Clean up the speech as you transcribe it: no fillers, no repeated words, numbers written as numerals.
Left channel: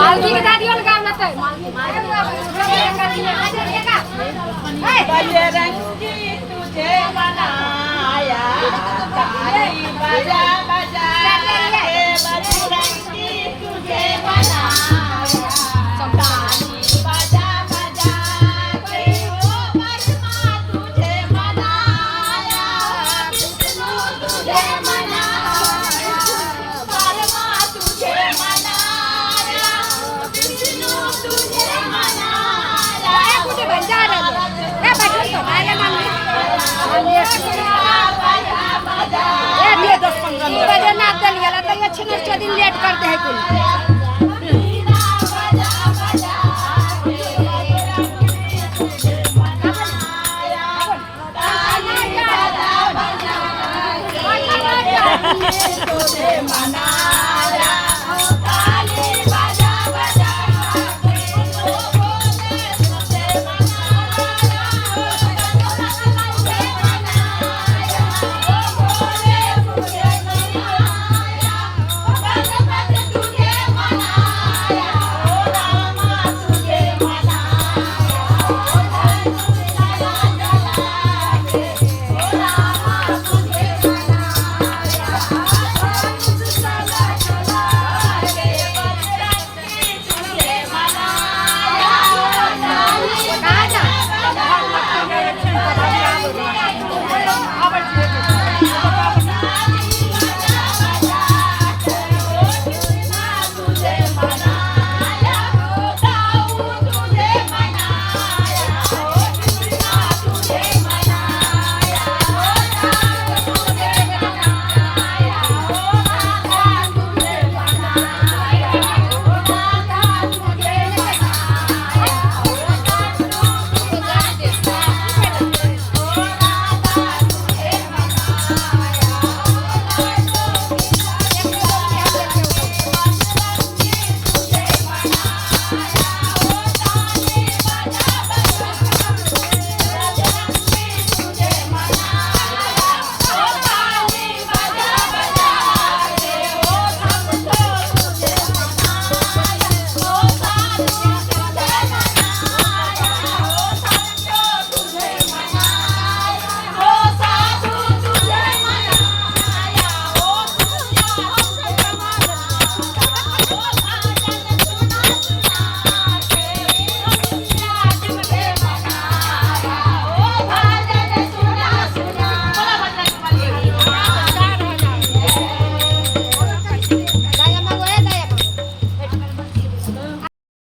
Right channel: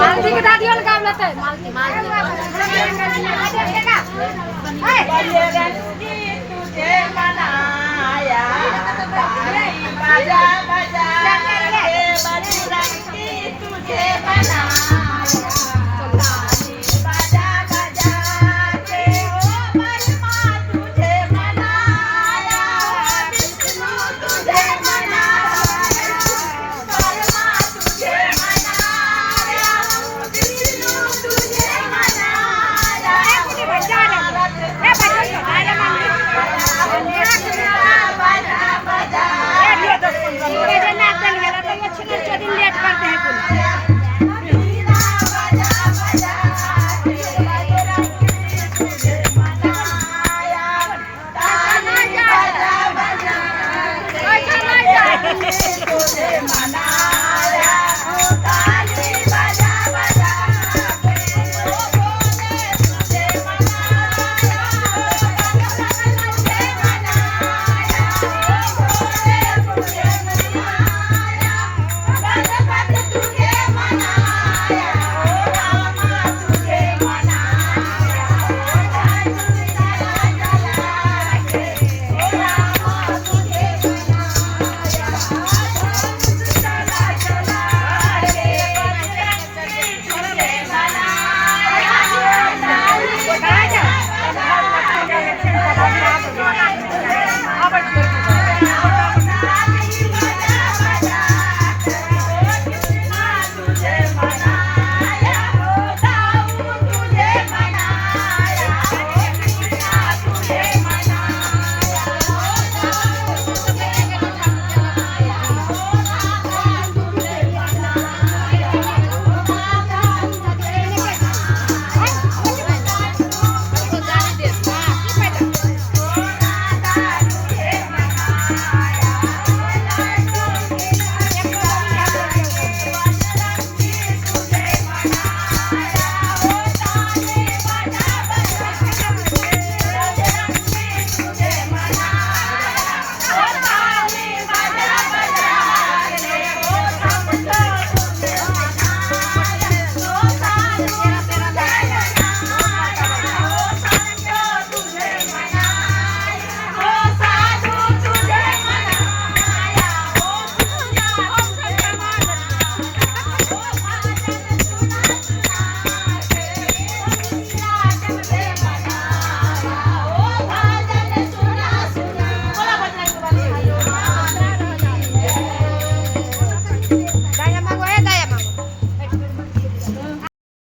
मालती के दादी वाला गाँव लेते हैं बजरंगी तुझे मनाया ताली बजा बजा के बजरंगी तुझे मनाया ताली बजा बजा के ओ बरमा तुझे मनाया विष्णु तुझे मनाया बरमा तुझे मनाया विष्णु तुझे मनाया लेट करते हैं